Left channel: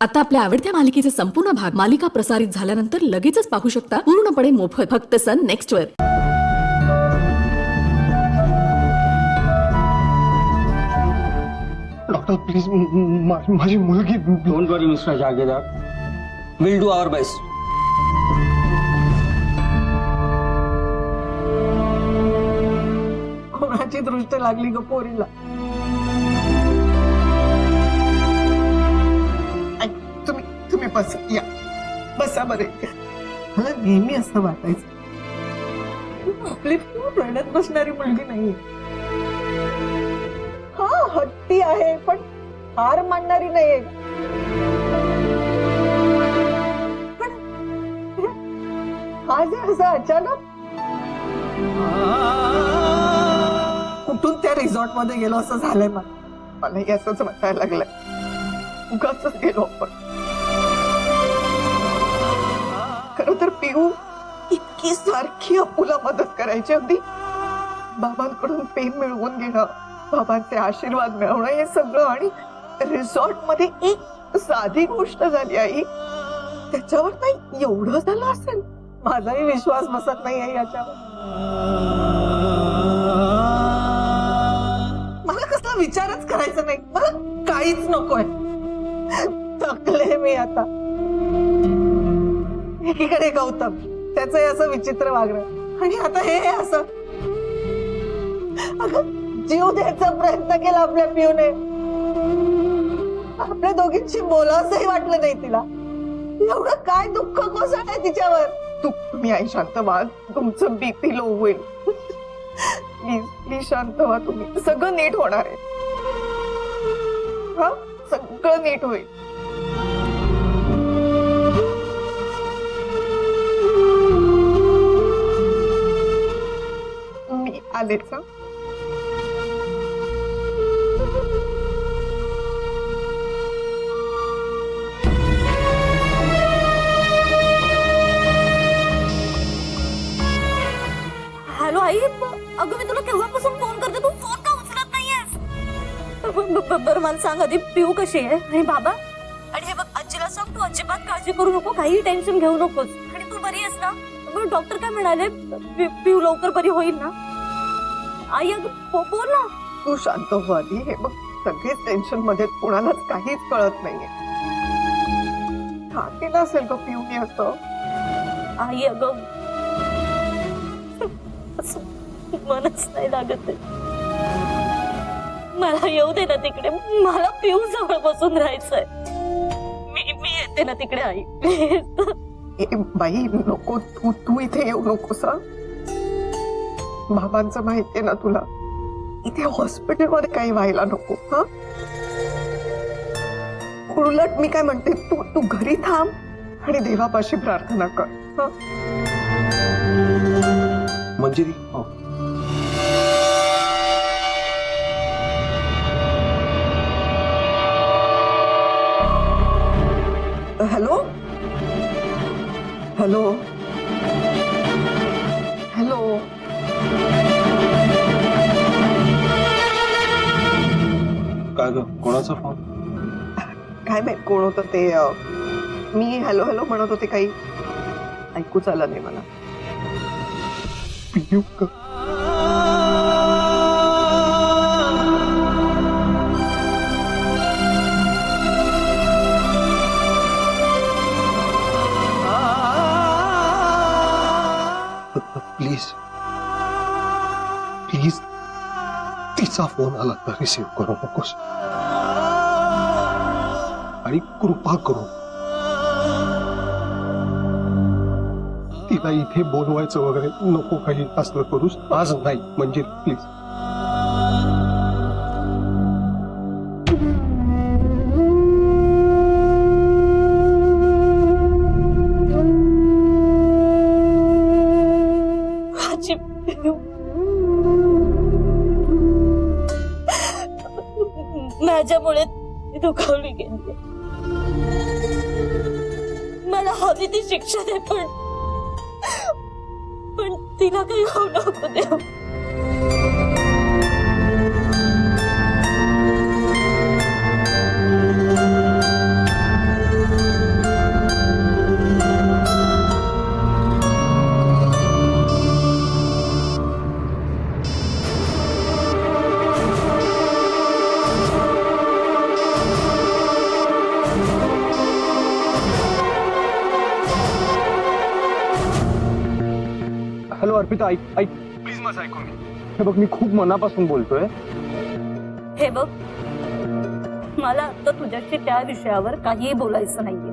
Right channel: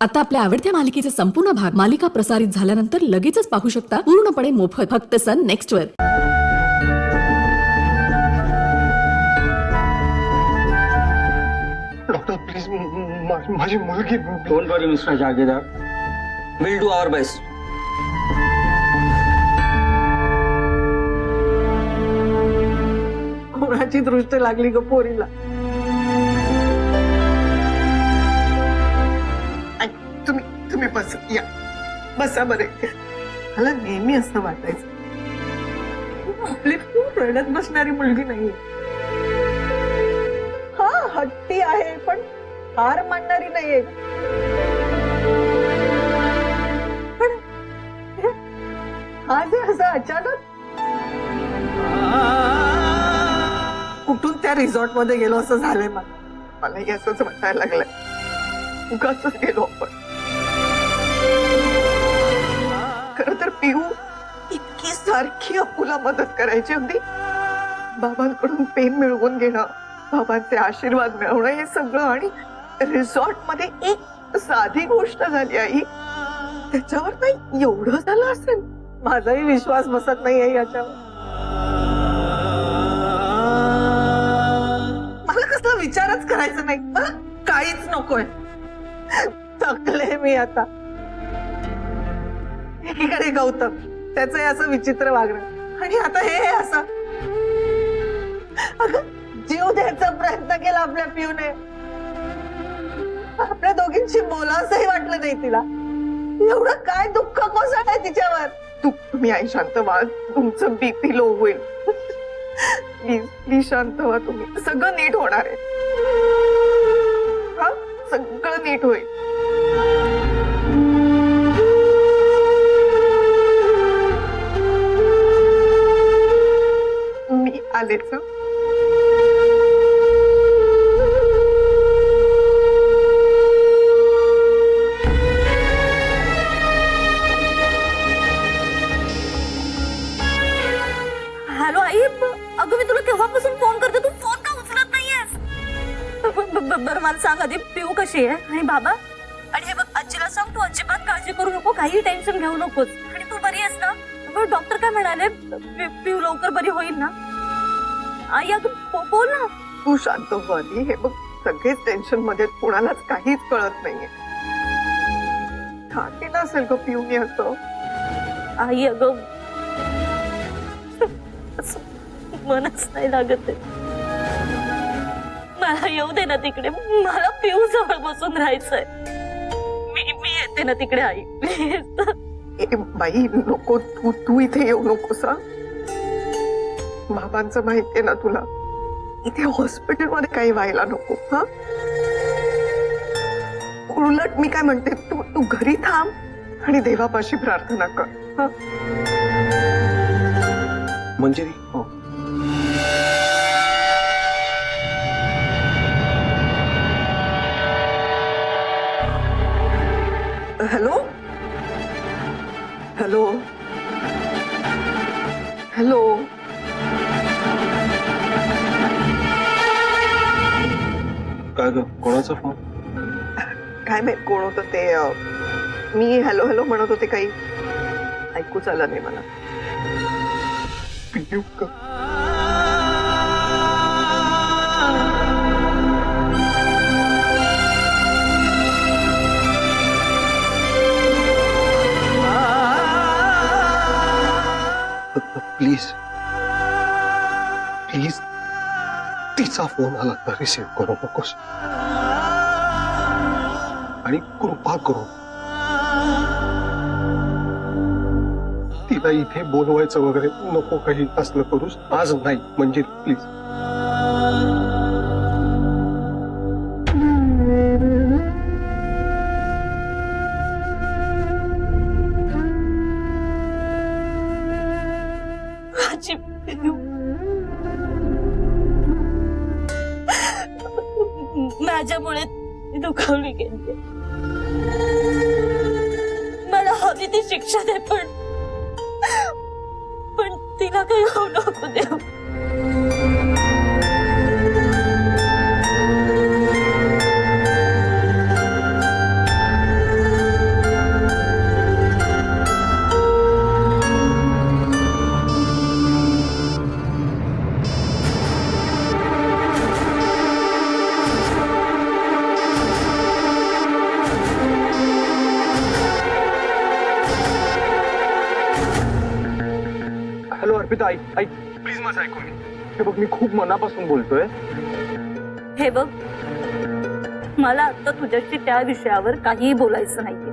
आता आपल्या आवडत्या मालिकेचे संपूर्ण भाग मालिका प्रसारित झाल्यानंतर लगेचच पाहू शकता पूर्णपणे मोफत फक्त सन नेक्स्ट वर। डॉक्टर प्लीज माझी मुलगी। Don't worry mister Jagirdar, will do our best. कोणाची दृष्टी लागली ग पोरीला? तुम्ही बसा, या बसा बरे। मला नेहमी असं वाटायचं आपली खूप रडत बसणारी मुलगी नाहीये। हा हट्टी आहे पण हार मानणारी नाहीये। पण आज असं अचानक कुठून त्या रिसॉर्ट मध्ये गेलो असं झालंय मलाही असंच वाटायला लागलंय। उगाचच गेलो आपण। खरं तर पिऊ इतकी सारखी अपुला मदत करायची, अगदी बाबांकडून प्रेम मिळवून घेणं, बाबांचे आशीर्वाद मिळवणं, हे सगळं। आणि रिसॉर्ट मध्ये एक साधी गोष्ट झाली आई, त्याच्यावर नाही एवढं झालं असेल। माझाही विश्वास बसत नाहीये याच्यावर। मला कसला विचारच करायचा नाही, मला काहीच नकोय। थकले मी आता। एकीकडे गौतम, त्याचं असं विचित्र वागणं, आणि आता हे असं। अगं जीव द्यायचा प्रयत्न केला आपल्या पिऊने, आपल्या दोघींशी बोलावंसही वाटलं नाही तिला। एवढं काय दुःख कोसळलंय तिच्यावर। तुम्ही आई शांत व्हा, तुमचं बीपी लो होईल। प्लीज प्लीज शांत व्हा तुम्ही, सगळं नीट होणार आहे। हा सगळं नीट होईल। मी आलेच हं। हॅलो आई, अगं मी तुला केव्हापासून फोन करते, तू फोन का उचलत नाहीयेस? बरं मला सांग आधी, पिऊ कशी आहे आणि बाबा? आणि हे बघ आजीला सांग, तू अजिबात काळजी करू नको, काही टेन्शन घेऊ नकोस। आणि तू बरी आहेस ना? डॉक्टर काय म्हणाले? पिऊ लवकर बरी होईल ना? आई अगं बोल ना। तू शांत हो आधी। हे बघ सगळेच टेन्शन मध्ये, कोणालाच काहीच कळत नाहीये। का केलं असेल ग पिऊने असं? आई अगं असं मनच नाही लागत आहे। मला येऊ दे ना तिकडे, मला पिऊ जवळ बसून राहायचंय। मी येते ना तिकडे आई, प्लीज। बाई नको, तू इथे येऊ नकोस हं। बाबांचं माहितीये ना तुला, इथे हॉस्पिटल मध्ये काही व्हायला नको हा। उलट मी काय म्हणते, तू घरी थांब आणि देवापाशी प्रार्थना कर हा। मंजिरी हो। हॅलो हॅलो हॅलो, काय ग, कोणाचा फोन? काय माहित कोण होतं ते। मी हॅलो हॅलो म्हणत होते, काही ऐकूच आलं नाही मला। पियू का? प्लीज प्लीज तिचा फोन आला तर रिसीव्ह करू नकोस, आणि कृपा करून तिला इथे बोलवायचं वगैरे नको, काही असलं करूस आज नाही म्हणजे प्लीज। माझी पिऊ माझ्यामुळे दुखावली गेली। मला हवी ती शिक्षा दे, पण तिला काही होऊ नको देव। अर्पिता ऐक ऐक प्लीज माझं ऐकून घे. हे बघ मी खूप मनापासून बोलतोय. हे बघ, मला आता तुझ्याशी त्या विषयावर काहीही बोलायचं नाहीये.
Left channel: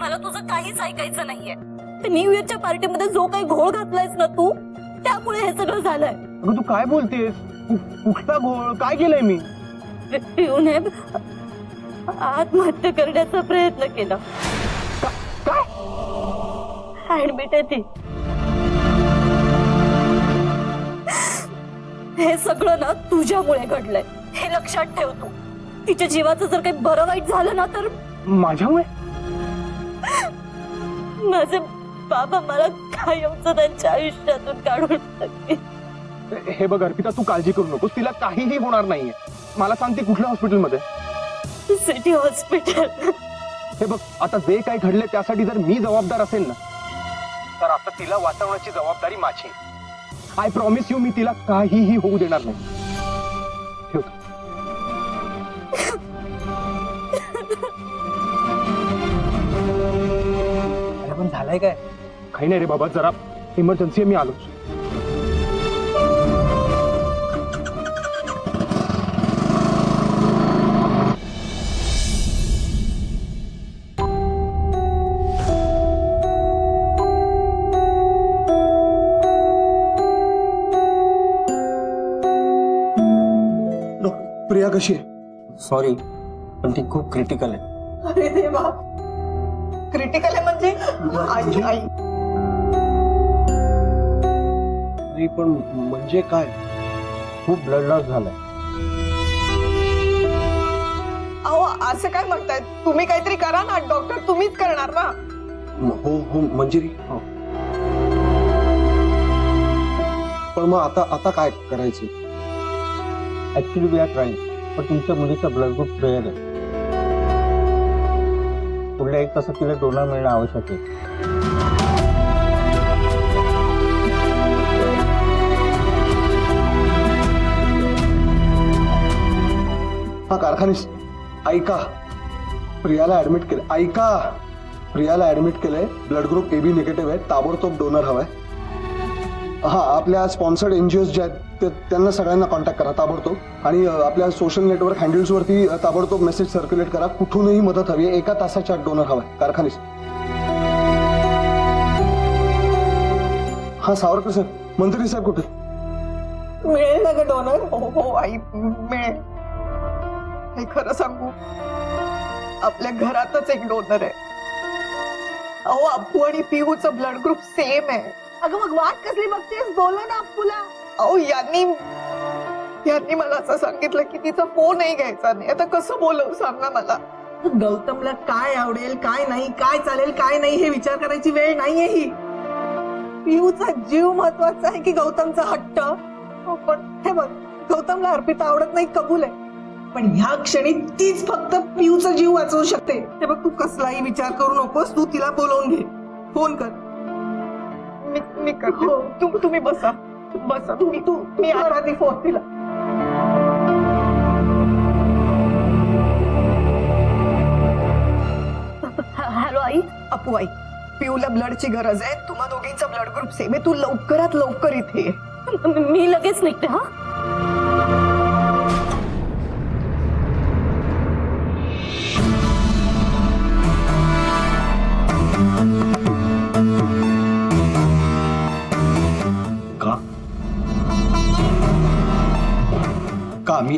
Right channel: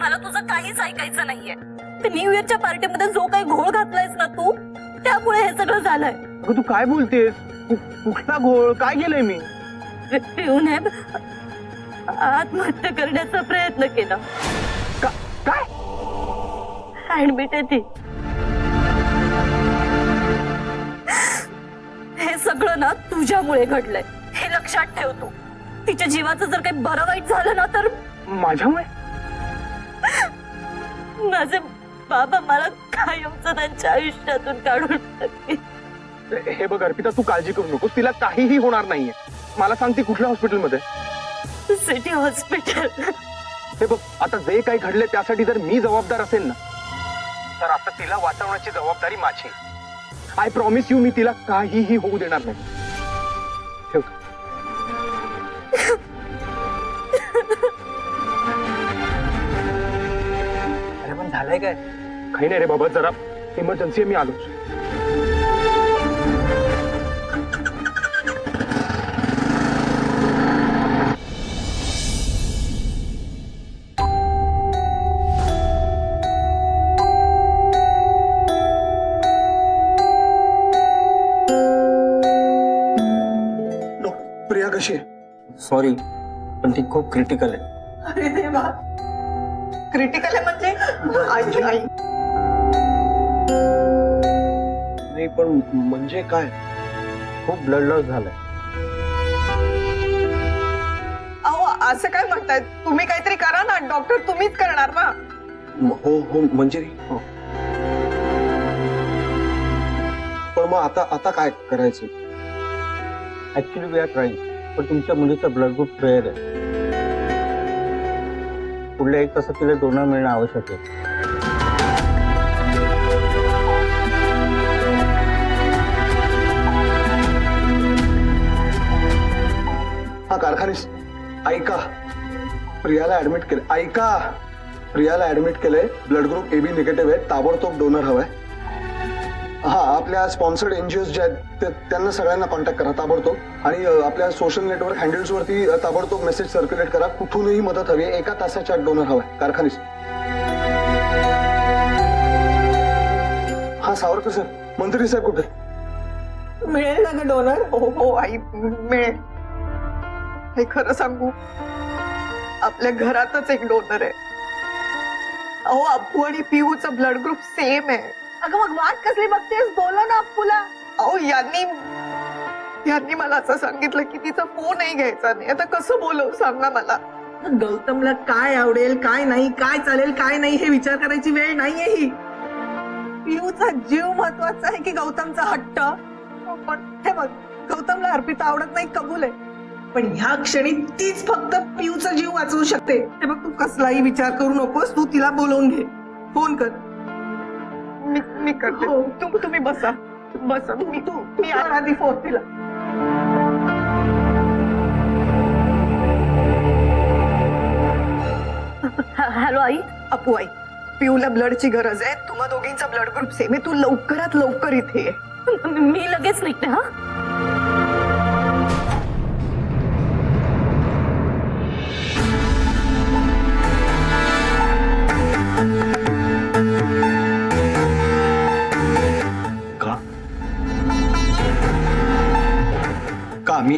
मला तुझं काहीच ऐकायचं नाहीये. ते न्यू इयरच्या पार्टीमध्ये जो काही घोळ घातलायस ना तू, त्यामुळे हे सगळं झालंय. अगं तू काय बोलतेस? कुठला घोळ काय केलंय मी? पिऊने आत्महत्या करण्याचा प्रयत्न केला. काय? ऍडमिट आहे ती. हे सगळं ना तुझ्यामुळे घडलंय, हे लक्षात ठेव तू. तिच्या जीवाचं जर काही बरं वाईट झालं ना तर माझ्यामुळे? माझे बाबा मला कायमचं त्यांच्या आयुष्यातून काढून टाकतील. हे बघ अर्पिता तू काळजी करू नकोस. तिला काहीही होणार नाहीये. मला सांग ती कुठल्या हॉस्पिटलमध्ये? City hospital. हे बघ आता जे काही घडले त्यासाठी जर मी जबाबदार असेल ना तर आता तिला वाचवण्याची जबाबदारी माझी. आय प्रॉमिस यू मी तिला काहीही होऊ देणार नाही. ठेव. अरे पण झालंय काय? काही नाही रे बाबा जरा इमर्जन्सी आहे मी आलो. प्रिया कशी आहे? सॉरी पण ती खूप क्रिटिकल आहे. अरे देवा, क्रिटिकल आहे म्हणजे? आई आई नाही पण म्हणजे काय? खूप ब्लड लॉस झालाय. अहो असं काय म्हणताय तुम्ही? काहीतरी करा ना डॉक्टर, तुम्हीच करणार ना. हो हो मंजिरी हो. पण मग आता काय करायचं? ऍक्च्युली वी आर ट्राईंग, पण तुमच्या मुलीचा ब्लड ग्रुप फेअर आहे. पुढल्या 1 तासात तिला डोनर मिळणं आवश्यक आहे. हा कारखानीस ऐका, प्रियाला ऍडमिट केलं. ऐका, प्रियाला ऍडमिट केलंय. ब्लड ग्रुप AB निगेटिव्ह आहे. ताबडतोब डोनर हवाय. हा आपल्या स्पॉन्सर्ड एनजीओ जे आहेत त्यांना सगळ्यांना कॉन्टॅक्ट करा ताबडतोब. आणि आपल्या सोशल नेटवर्क हँडल्स वरती ताबडतोब मेसेज सर्क्युलेट करा. कुठूनही मदत हवी. 1 तासाच्या आत डोनर हवाय. कारखानीस. हा सावरकर सर, मंत्री साहेब कुठे? मिळेल ना ग डोनर? हो हो आई मिळेल. हे खरं सांगू, आपल्या घरातच एक डोनर आहे. अहो अप्पू आणि पिऊचं ब्लड ग्रुप सेम आहे. अगं मग वाट कसली बघतेस? बोला ना अप्पूला. अहो यांनी मला असं सांगितलं की तिचा फोनही घ्यायचा नाही. आता कसं बोलवू सांग ना मला. गौतमला काय आवडेल काय नाही, काय चालेल काय नाही हे विचार करायची वेळ नाहीये ही. पिऊचा जीव महत्वाचा आहे की गौतमचा हट्ट? हो, पण हे बघ, गौतमला अर्पिता आवडत नाही कबूल आहे, पण ह्या क्षणी तीच फक्त पिऊचा जीव वाचवू शकते. हे बघ, तू कसलाही विचार करू नकोस. तू तिला बोलवून घे. फोन कर. मी करते. हो. तुम्ही बसा बसा. तुम्ही मी कर आधी फोन तिला. हॅलो आई. अप्पू आई, पिऊला ब्लडची गरज आहे. तुम्हा दोघींचा ब्लड ग्रुप सेम आहे. तू लवकरात लवकर इथे ये. मी लगेच निघते. हा का मी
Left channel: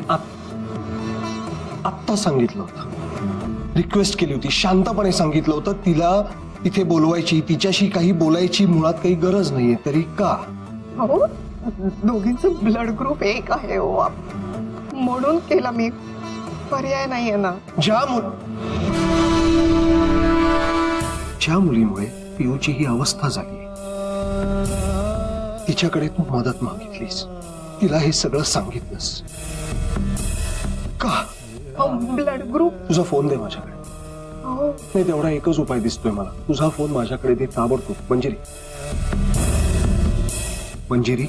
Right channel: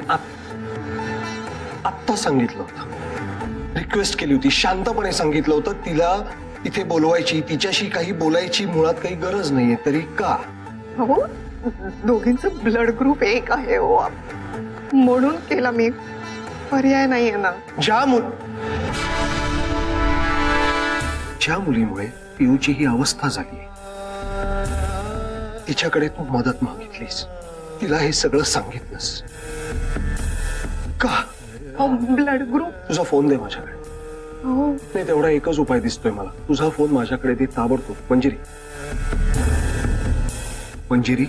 आत्ता सांगितलं होतं, रिक्वेस्ट केली होती, शांतपणे सांगितलं होतं तिला इथे बोलवायची, तिच्याशी काही बोलायची मुळात काही गरज नाहीये. तरी का? हो, दोघींचं ब्लड ग्रुप एक आहे हो. म्हणून केला मी. पर्याय नाहीये ना. ज्या मुलीमुळे पिऊची ही अवस्था झाली, तिच्याकडे तू मदत मागितलीस, तिला हे सगळं सांगितलंस का? Blood group. तुझा फोन दे माझ्याकडे. हो नाही तेवढा एकच उपाय दिसतोय मला. तुझा फोन माझ्याकडे दे ताबडतोब. मंजिरी, मंजिरी.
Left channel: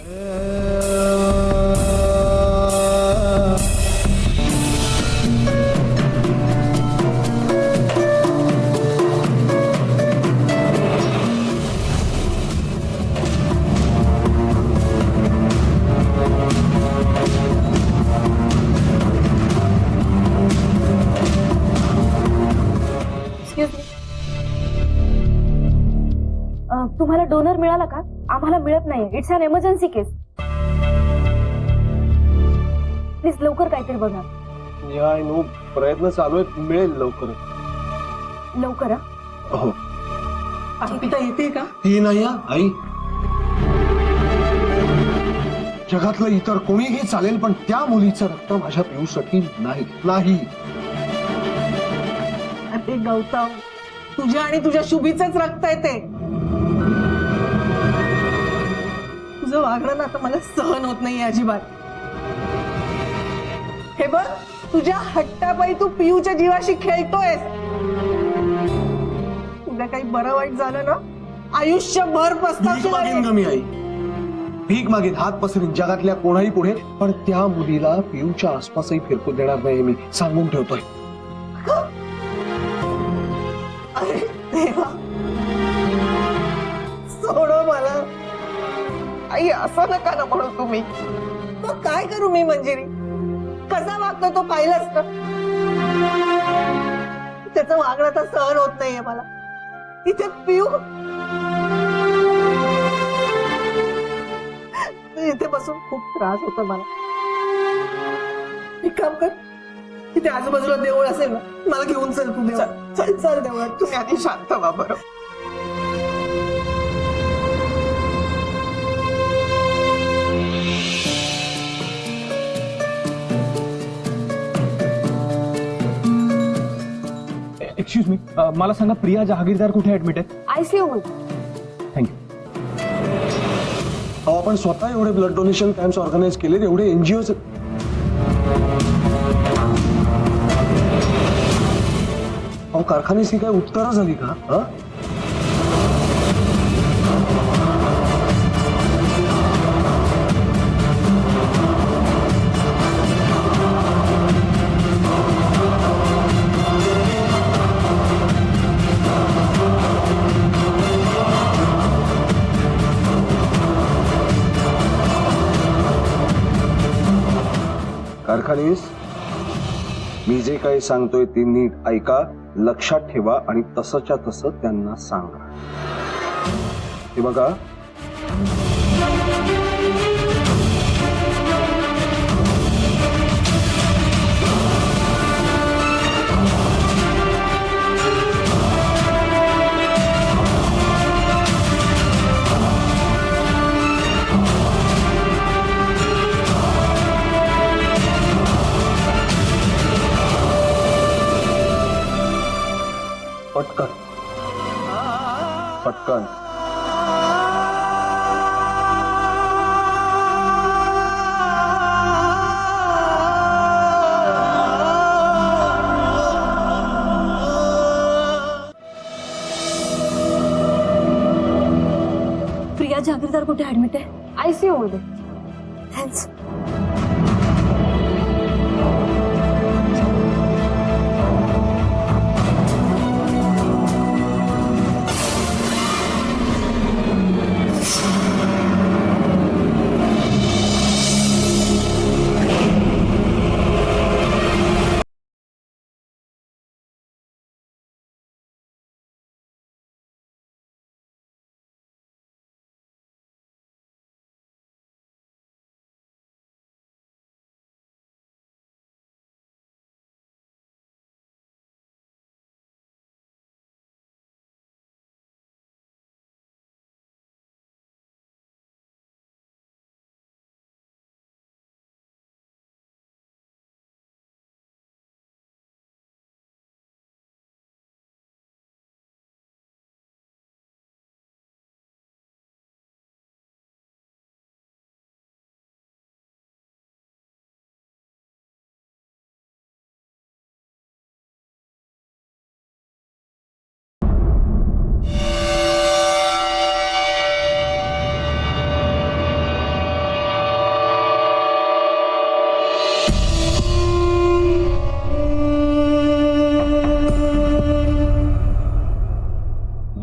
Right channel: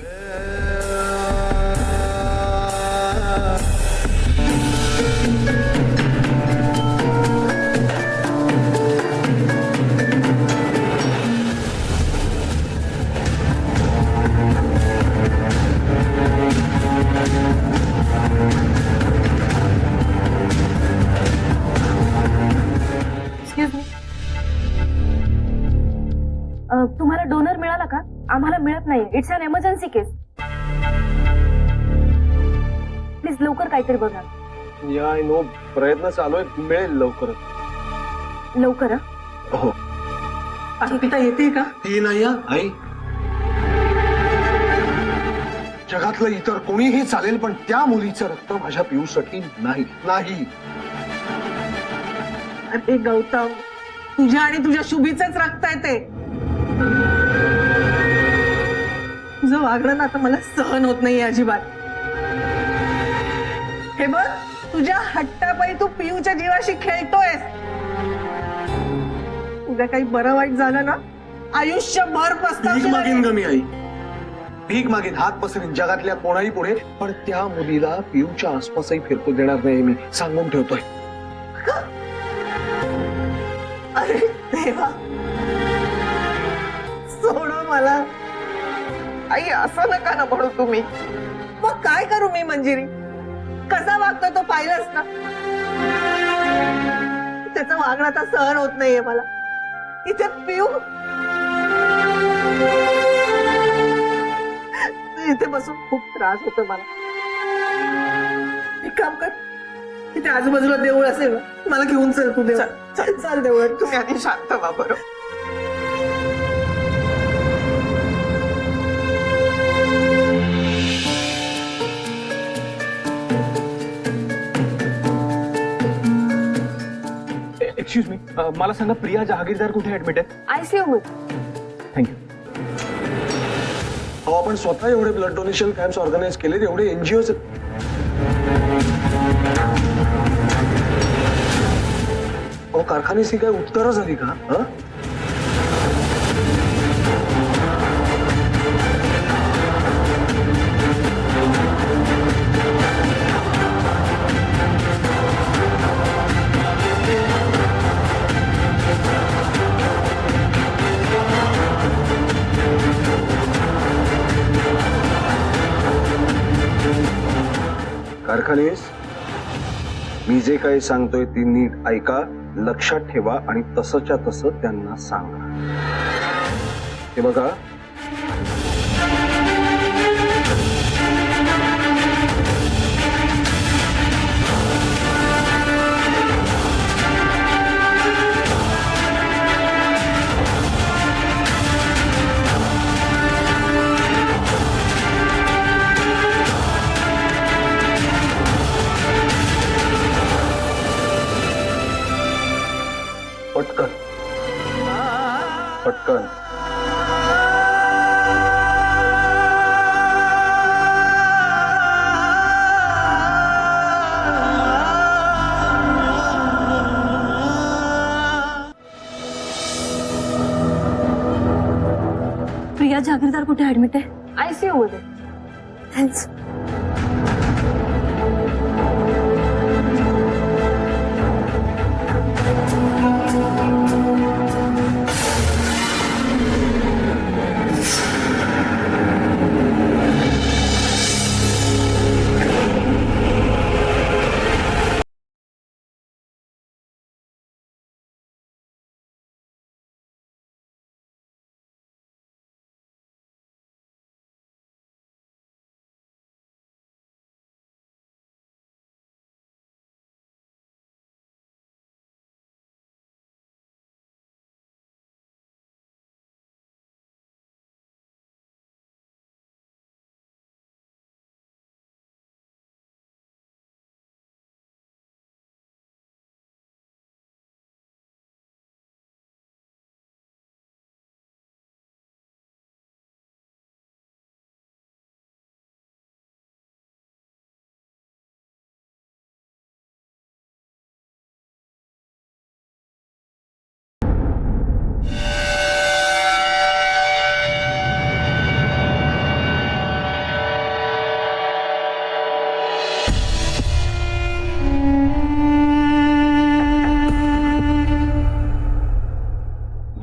एक्सक्यूज मी, तुम्हाला डोनर मिळाला का? आम्हाला मिळत नाहीये. It's an emergency case. Please लवकर काहीतरी बघा. या नो प्रयत्न चालू आहेत, मिळेल लवकरच. लवकर हा. हो. अर्पिता येते का? ती नाही हा, आई. जगातलं इतर कोणीही चालेल, पण त्या मुलीचं रक्त माझ्या पिऊसाठी नाही नाही. अरे गौतम, तुझ्या आणि तुझ्या शुभीचंच रक्त आहे ते. तुझं वागणं ना आता मला सहन होत नाही अजिबात. हे बघ, तुझ्या हट्टापायी तू पियूच्या जीवाशी खेळतोयस. उद्या काही बरं वाईट झालं ना, आयुष्यभर भीक पस्तावशील. मागेन ग मी आई, भीक मागेन, हात पसरीन जगातल्या कोणाही पुढे, पण त्या मुलीला पिऊच्या आसपासही फिरकू देणार नाही. मी सांगून ठेवतोय. अरे देवा, सोडो मला. आई असं नका ना म्हणू तुम्ही. मग काय करू मी मंजिरी? कसा वागतो तो पाहिलंच ना. त्याचं वागणं आता सहन होत नाहीये मला. इथे पिऊ इथे बसून खूप त्रास होतो मला. एक काम कर, इथे आजूबाजूला देऊळ असेल ना, मला घेऊन चल तू. देऊळ चल देऊळ. तुम्ही आधी शांत व्हा बरं. एक्सक्यूज मी, मला सांगा प्रिया जहागीरदार कुठे ऍडमिट आहेत? ICU मध्ये. थँक्यू. अहो, आपण स्वतः एवढे ब्लड डोनेशन कॅम्प्स ऑर्गनाईज केलेत, एवढे एनजीओ. अहो, कारखान्याची काय उत्तरं झाली का? हा? कारखानीस, मी जे काही सांगतोय ते नीट ऐका, लक्षात ठेवा आणि तसंच्या तसं त्यांना सांगा. हे बघा, पटकन पटकन. प्रिया जहागीरदार कुठे ऍडमिट आहे? ICU मध्ये. थँक्स.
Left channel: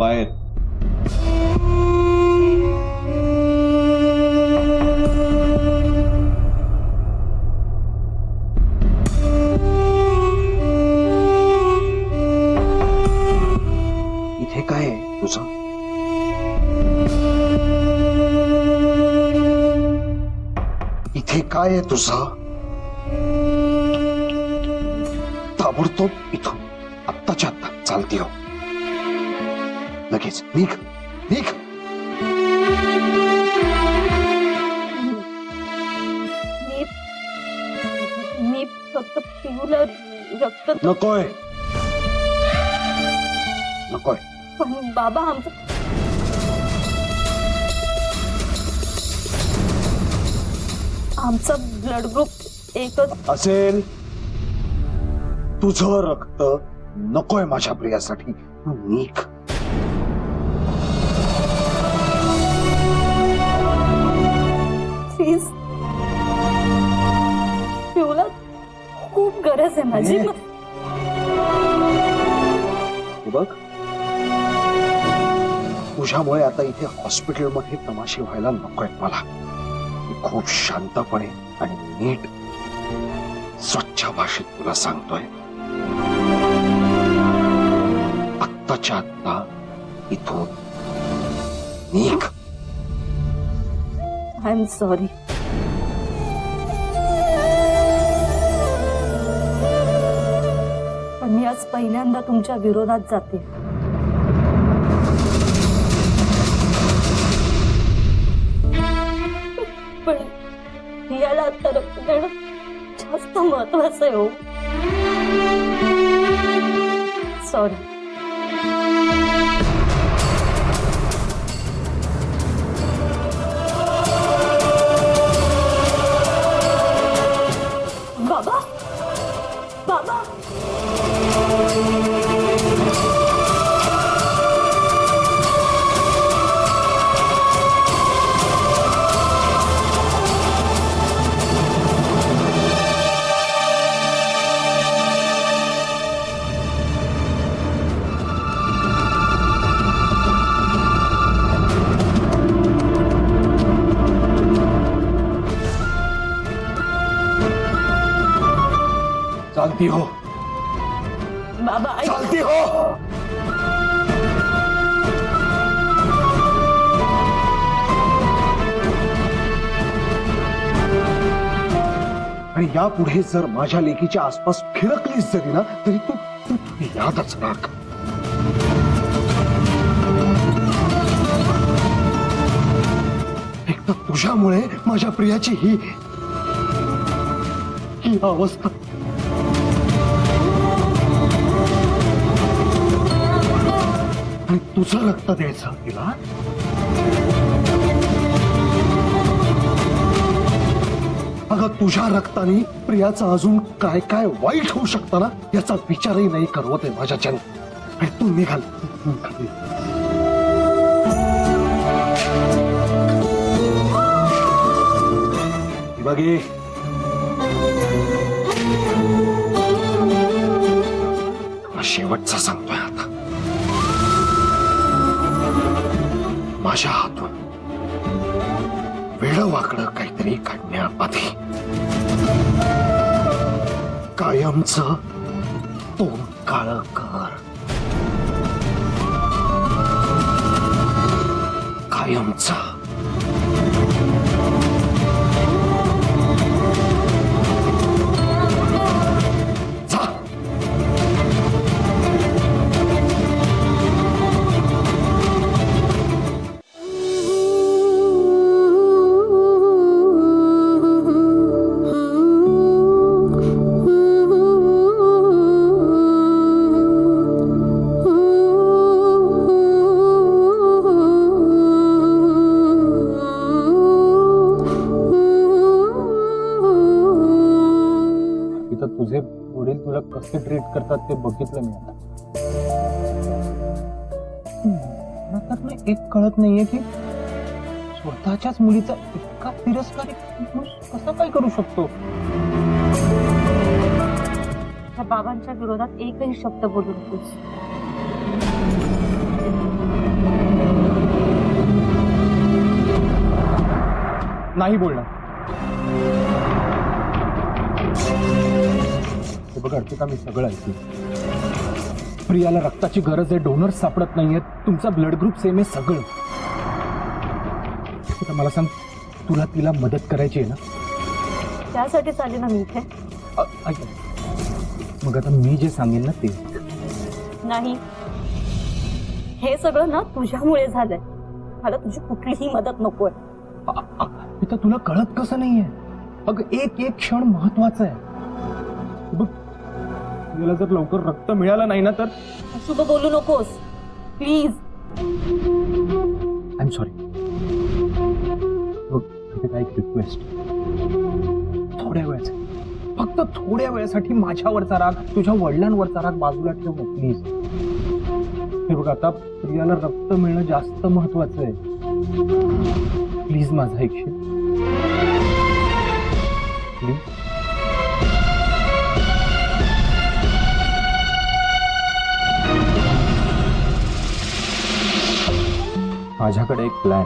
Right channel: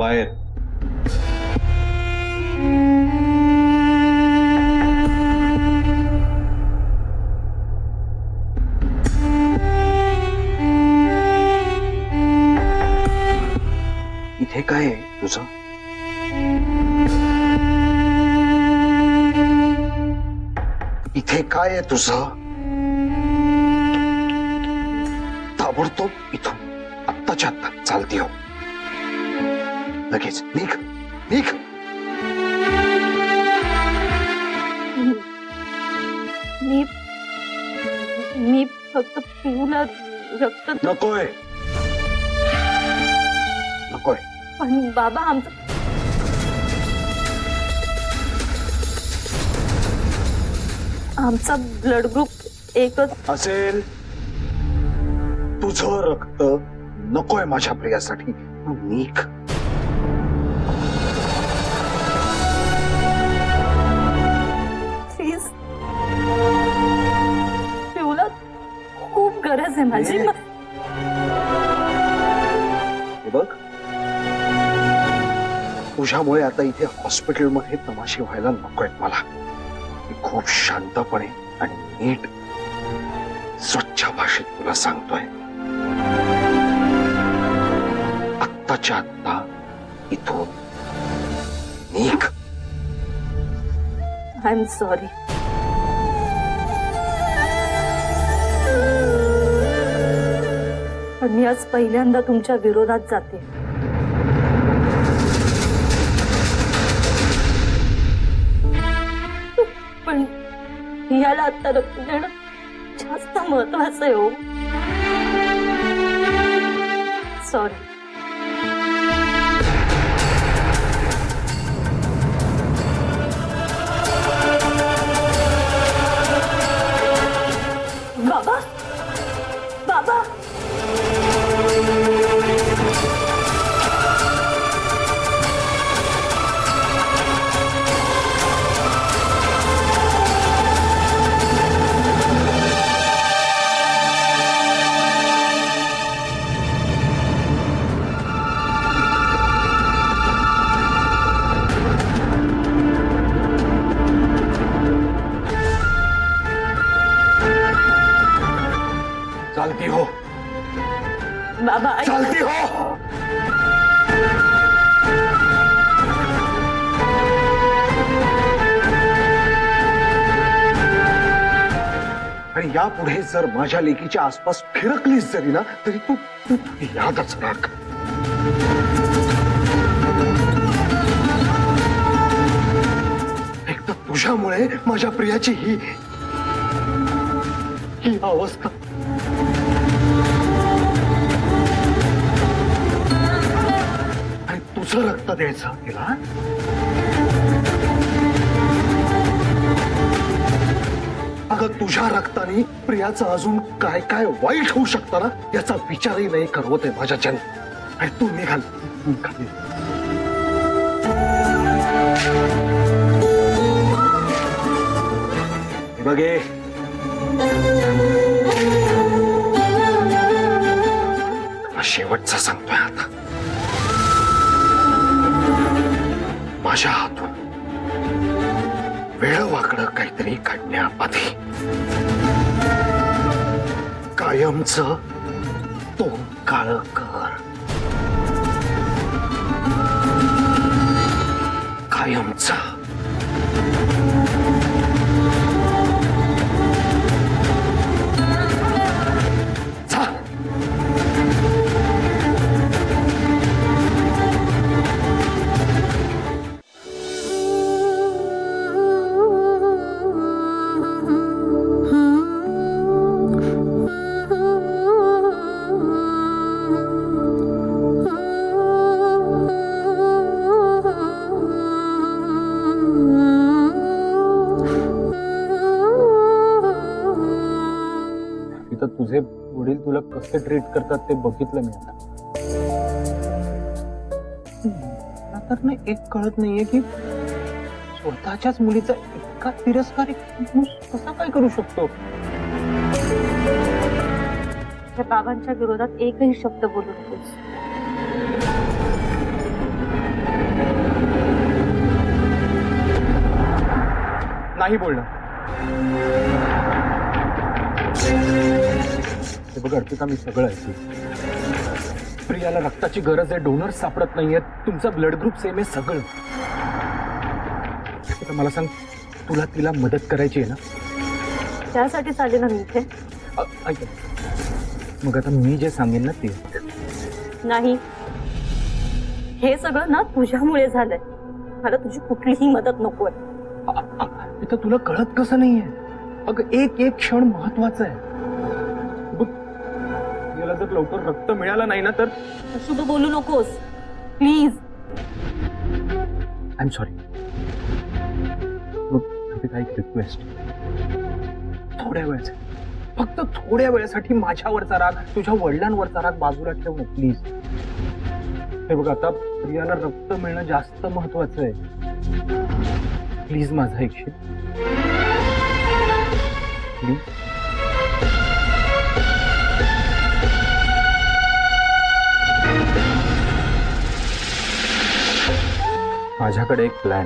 बाहेर. इथे काय आहे तुझं? इथे काय आहे तुझं? ताबडतोब इथून आत्ताच्या आत्ता चालती हो. लगेच निघ निघ. मी मी फक्त पिऊला रक्त नकोय नकोय. पण बाबा आमचा ब्लड ग्रुप एकच. असेल तुझं रक्त नकोय माझ्या प्रियासाठी. तू निघ. प्लीज पिऊला खूप गरज आहे माझी. ये. हे बघ, तुझ्यामुळे आता इथे हॉस्पिटलमध्ये तमाशे व्हायला नकोय मला. मी खूप शांतपणे आणि नीट स्वच्छ भाषेत तुला सांगतोय, आत्ताच्या आत्ता इथून निघ. I am sorry. पण मी आज पहिल्यांदा तुमच्या विरोधात जाते. पण याला आता रक्त देणं जास्त महत्वाचं आहे. हो सॉरी. बाबा बाबा चालती हो बाबा ऐक. चालती हो. आणि यापुढे जर माझ्या लेकीच्या आसपास फिरकलीस जरी ना तरी तू तू यादच राख. एक तर तुझ्यामुळे माझ्या प्रियाची ही अवस्था. आणि तुझं रक्त द्यायचं तिला. अगं तुझ्या रक्ताने प्रियाचं अजून काय काय वाईट होऊ शकतं ना याचा विचारही नाही करवत आहे माझ्या जन. आणि तू निघाल. हे बघे, शेवटचा सांगतोय आता. माझ्या हातून वेडवाकडं काहीतरी काढण्याआधी कायमचं तोंड काळं कर. कायमचं. जा. तुझे वडील तुला कसे ट्रीट करतात ते बघितलं मी आता. मला तर ना एक कळत नाहीये की स्वतःच्याच मुलीचा इतका तिरस्कार एक माणूस कसा काय करू शकतो. त्या बाबांच्या विरोधात एकही शब्द बोलू नकोस. नाही बोलणार. हे बघ अर्पिता, मी सगळं ऐकलं. प्रियाला रक्ताची गरज आहे, डोनर सापडत नाहीये, तुमचा ब्लड ग्रुप सेम आहे, सगळं. आता मला सांग, तुला तिला मदत करायची आहे ना? त्यासाठीच आले ना मी इथे. ऐक, मग आता मी जे सांगेन ना ते. नाही, हे सगळं ना तुझ्यामुळे झालंय. मला तुझी कुठलीही मदत नकोय. इथं तुला कळत कसं नाहीये? अगं एक एक क्षण महत्वाचा आहे. बघ, याला जर लवकर रक्त मिळालं नाही ना तर शुभ बोलू नकोस प्लीज. I am sorry. बघ, काय रिक्वेस्ट, थोड्या वेळासाठी, फक्त थोड्या वेळासाठी माझ्यावरचा राग, तुझ्या वडिलांवरचा राग बाजूला ठेव ना प्लीज. हे बघ, आता प्रियाला रक्त मिळणं जास्त महत्वाचं आहे. प्लीज माझा ऐकशील? प्लीज. माझ्याकडे एक प्लॅन.